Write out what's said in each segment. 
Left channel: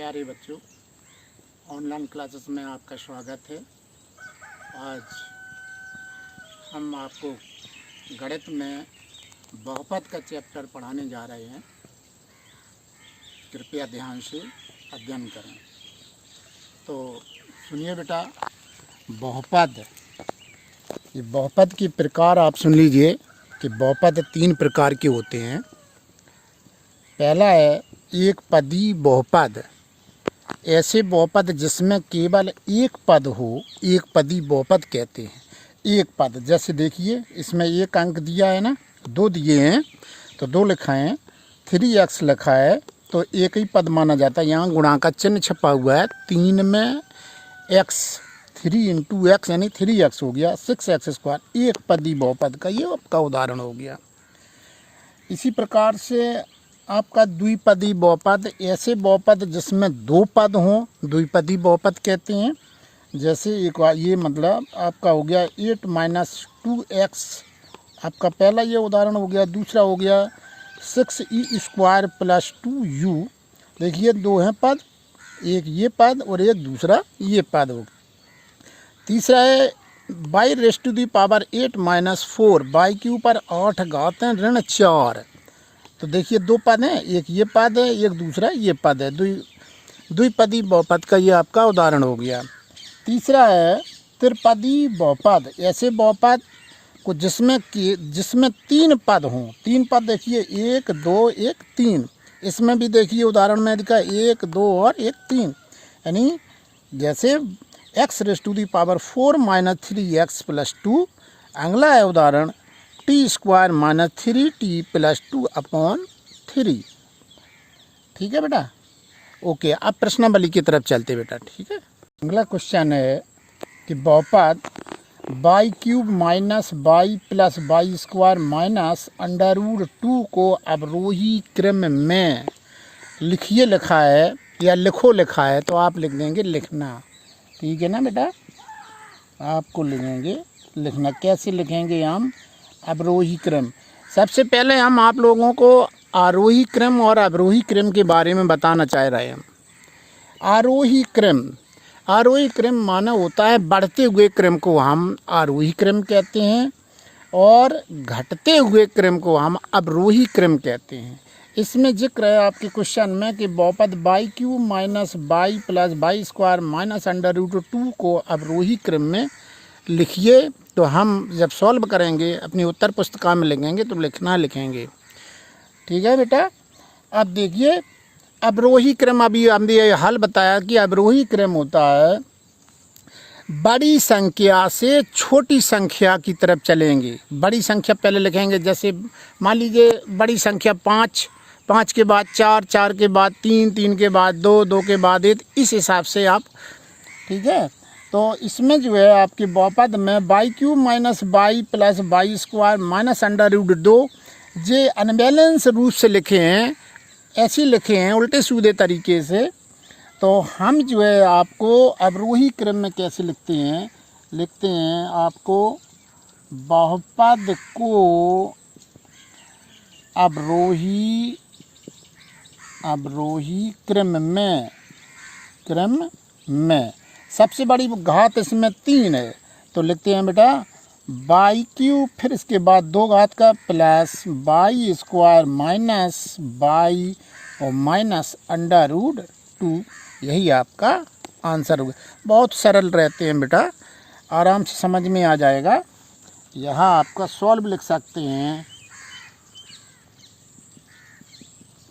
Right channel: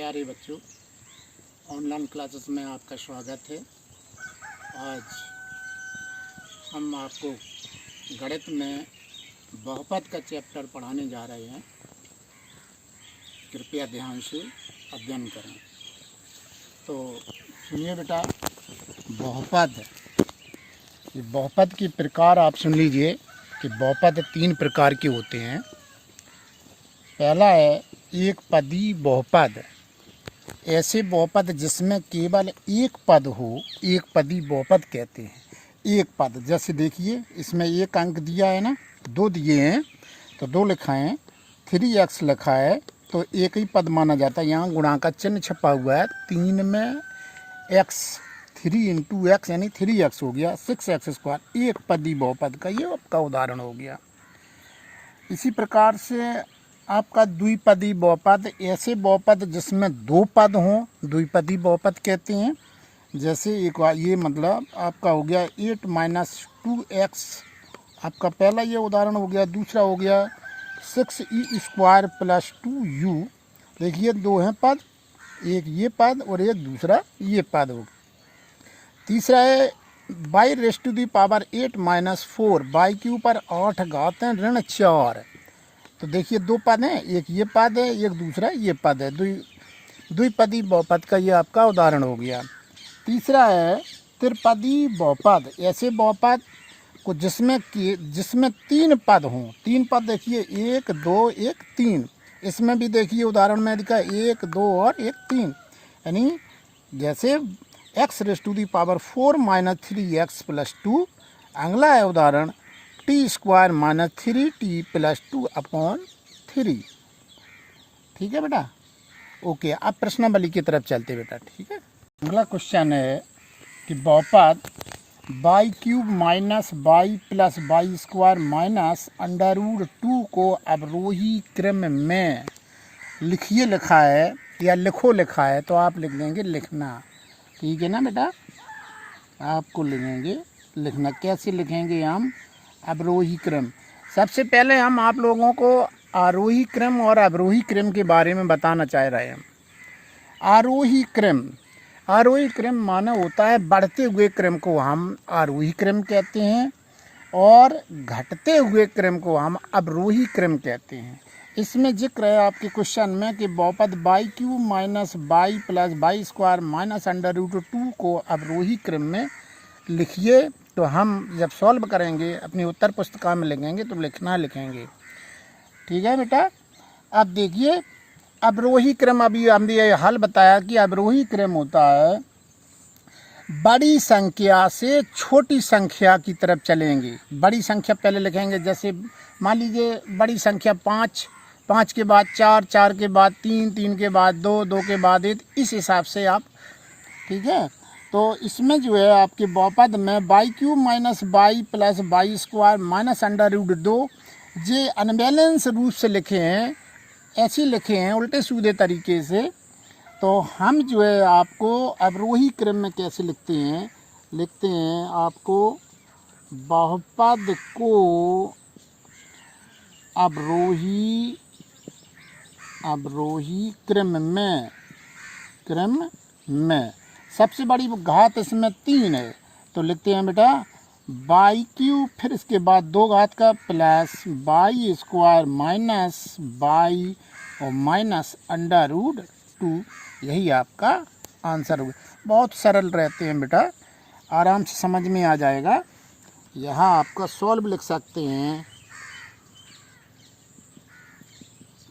प्यारे बच्चों, online classes में आपका स्वागत है। आज हम आपको गणित में बहुपद का चैप्टर पढ़ाने जा रहे हैं। कृपया ध्यान से अध्ययन करें। तो सुनिए बेटा, बहुपद, ये बहुपद के प्रकार आप सुन लीजिए कि बहुपद 3 प्रकार के होते हैं। पहला है एक पदी बहुपद। ऐसे बहुपद जिसमें केवल एक पद हो, एक पदी बहुपद कहते हैं। एक पद, जैसे देखिए इसमें एक अंक दिया है ना, 2 दिए हैं तो 2 लिखा है, 3x लिखा है तो एक ही पद माना जाता है। यहाँ गुणा का चिन्ह छपा हुआ है, 3 में x, 3 इंटू एक्स यानी 3x हो गया, 6x²। एक पदी बहुपद का ये आपका उदाहरण हो गया। इसी प्रकार से आपका द्विपदी बहुपद, ऐसे बहुपद जिसमें 2 पद हों, द्विपदी बहुपद कहते हैं। जैसे एक ये मतलब आपका हो गया 8 - 2x, आपका पहला ये उदाहरण हो गया। दूसरा हो गया 6e² + 2u। देखिए 2 हैं पद, एक ये पद और एक दूसरा ये पद हो। तीसरा है y⁴ y के ऊपर 8 घात है ऋण 4। तो देखिए 2 पद हैं, एक ये पद है, एक दूसरा ये पद है। द्विपदी बहुपद का ये आपका उदाहरण हो गया। तीसरा है त्रिपदी बहुपद। ऐसे बहुपद को जिसमें 3 पद हों। 3 पद देखिए 1 2 1 3। इसमें भी देखिए उदाहरण में दिखा 1 2 और 1 3, यानी जैसे x⁴ - 3x + 2। अगला है उदाहरण t² - 3t + 2/3। ठीक है बेटा, ओके। अब प्रश्नावली की तरफ चलते बेटा, ठीक है। अगला क्वेश्चन है कि बहुपद y³ - y + y² - √2 को अवरोही क्रम में लिखिए लिखा है या लिखो लिखा है, तो आप लिख देंगे लिखना। ठीक है ना बेटा, आपको लिखेंगे लिखना। कैसे लिखेंगे हम? अवरोही क्रम। सबसे पहले हम आप लोगों को आरोही क्रम और अवरोही क्रम के बारे में बताना चाह रहे हैं। आरोही क्रम माना होता है बढ़ते हुए क्रम को हम आरोही क्रम कहते हैं, और घटते हुए क्रम को हम अवरोही क्रम कहते हैं। इसमें जिक्र है आपके क्वेश्चन में कि बहुपद y³ - y + y² - √2 को अवरोही क्रम में लिखिए। तो हम जब सॉल्व करेंगे अपनी उत्तर पुस्तिका में लिखेंगे तो लिखना लिखेंगे। ठीक है बेटा। अब देखिए अवरोही क्रम, अभी हमने ये हल बताया कि अवरोही क्रम होता है बड़ी संख्या से छोटी संख्या की तरफ चलेंगे। बड़ी संख्या पहले लिखेंगे, जैसे मान लीजिए बड़ी संख्या 5, 5 के बाद 4, 4 के बाद 3, 3 के बाद 2, 2 के बाद 1, इस हिसाब से आप, ठीक है। तो इसमें जो है आपके बहुपद में y³ - y + y² - √2 ये अनबैलेंस रूप से लिखे हैं, ऐसे लिखे हैं उल्टे सीधे तरीके से। तो हम जो है आपको अवरोही क्रम में कैसे लिखते हैं आपको बहुपद को अवरोही क्रम में सबसे बड़ी घात इसमें 3 है, तो लिखते हैं बेटा y³ फिर इसके बाद 2 घात का प्लस y² y और -√2। यही आपका आंसर होगा। बहुत सरल रहते हैं बेटा, आराम से समझ में आ जाएगा। यहाँ आपका सॉल्व लिख सकते हैं,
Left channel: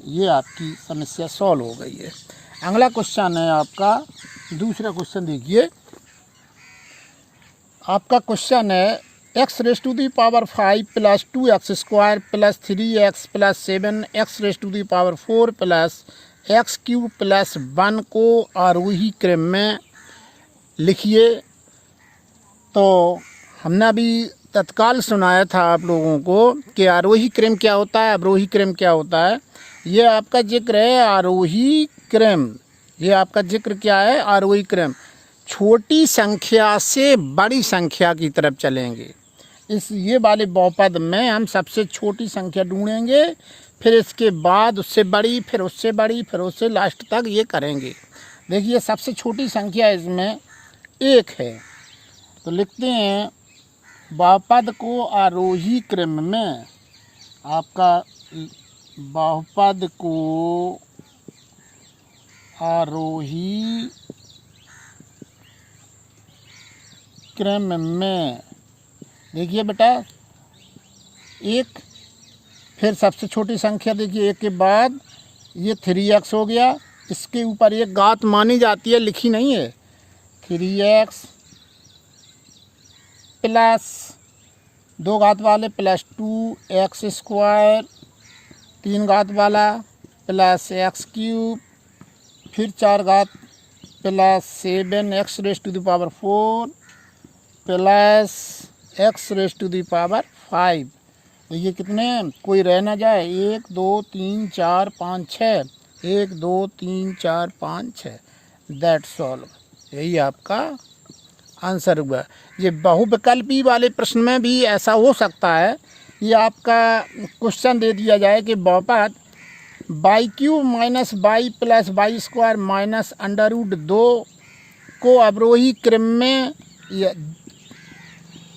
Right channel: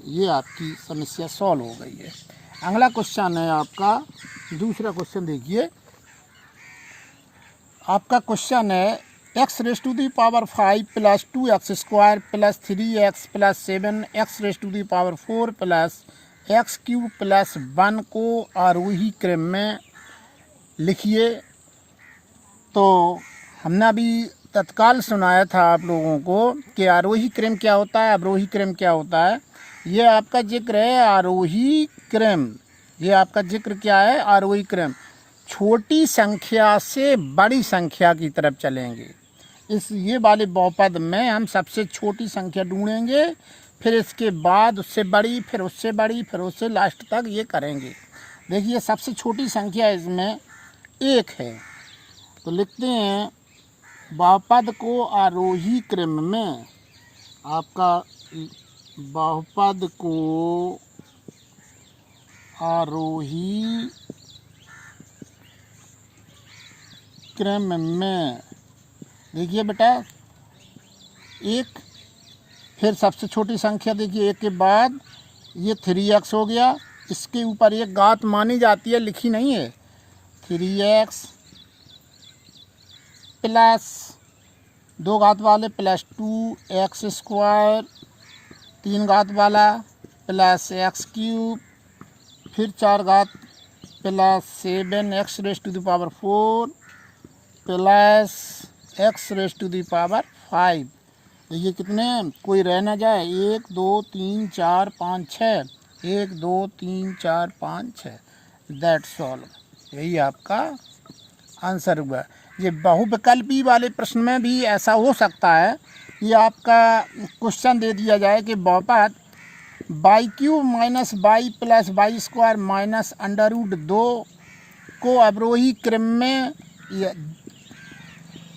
ये आपकी समस्या सॉल्व हो गई है। अगला क्वेश्चन है आपका दूसरा क्वेश्चन। देखिए आपका क्वेश्चन है x⁵ + 2x² + 3x + 7x⁴ + x³ + 1 को आरोही क्रम में लिखिए। तो हमने अभी तत्काल सुनाया था आप लोगों को कि आरोही क्रम क्या होता है, अवरोही क्रम क्या होता है। ये आपका जिक्र है आरोही क्रम। ये आपका जिक्र क्या है? आरोही क्रम। छोटी संख्या से बड़ी संख्या की तरफ चलेंगे। ये वाले बहुपद में हम सबसे छोटी संख्या ढूंढेंगे, फिर इसके बाद उससे बड़ी, फिर उससे बड़ी, फिर उससे लास्ट तक ये करेंगे। देखिए सबसे छोटी संख्या इसमें 1 है, तो लिखते हैं बहुपद को आरोही क्रम में, आपका बहुपद को आरोही क्रम में, देखिए बेटा 1, फिर सबसे छोटी संख्या देखिए 1 के बाद ये 3x हो गया, इसके ऊपर एक घात मानी जाती है, लिखी नहीं है, 3x प्लस 2 घात वाले प्लस 2x², 3 घात वाला प्लस x³ फिर 4 घात प्लस 7x⁴ प्लस x⁵5। देखिए कितने, कोई रह ना जाए, 1 2 3 4 5 6, 1 2 3 4 5 6, दैट्स ऑल। यही आपका आंसर हुआ। ये बहुविकल्पी वाले प्रश्न में भी ऐसा हो सकता है, ये आपका क्वेश्चन दे दिया जाए कि बहुपद y³ minus y plus y² minus √2 को अवरोही क्रम में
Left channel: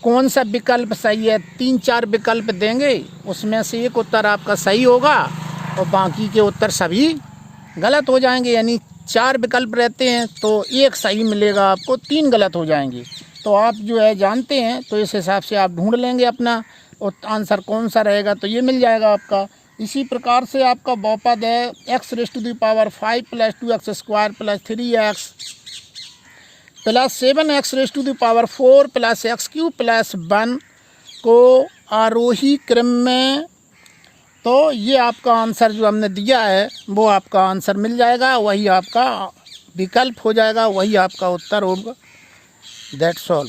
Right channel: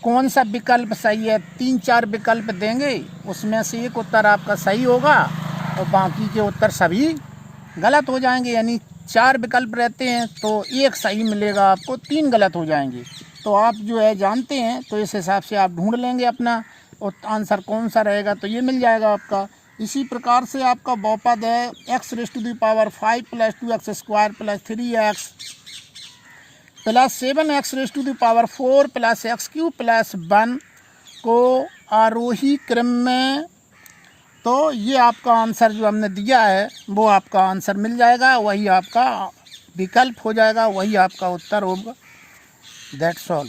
कौन सा विकल्प सही है। 3-4 विकल्प देंगे, उसमें से एक उत्तर आपका सही होगा और बाकी के उत्तर सभी गलत हो जाएंगे। यानी 4 विकल्प रहते हैं तो एक सही मिलेगा आपको, 3 गलत हो जाएंगे। तो आप जो है जानते हैं, तो इस हिसाब से आप ढूंढ लेंगे अपना आंसर कौन सा रहेगा, तो ये मिल जाएगा आपका। इसी प्रकार से आपका बहुपद है x⁵5 plus 2x² plus 3x plus 7x⁴ plus x³ plus 1 को आरोही क्रम में, तो ये आपका आंसर जो हमने दिया है वो आपका आंसर मिल जाएगा, वही आपका विकल्प हो जाएगा, वही आपका उत्तर होगा। That's all.